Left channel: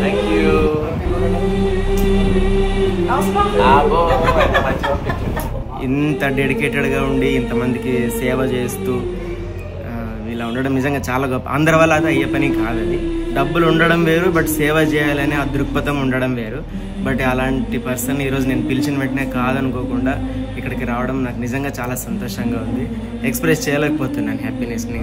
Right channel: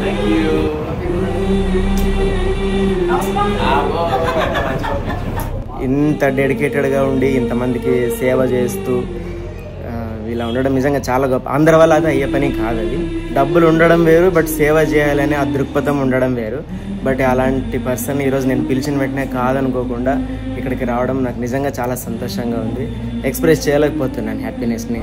Thank you. ఇంత డెడికేటెడ్గా ఉండి ఇంతమందికి సేవ చేస్తూ ఇలా ఉండడం నిజంగా చాలా గొప్ప. అందరి వల్ల అది అయ్యే పని కాదు. అది డబ్బులు ఉండడం వేరు, బట్ సేవ చేయాలనే ఆ దృక్పథం ఉండడం వేరు. బట్ అలాంటి పర్సన్ ఈరోజు నేను పిలిచిన వెంటనే కాదనుకోకుండా ఇక్కడికి రావడం నాకు నిజంగా చాలా సంతోషంగా ఉంది. ఎక్స్ప్రెస్ చేయలేకపోతున్నాను హ్యాపీనెస్ని.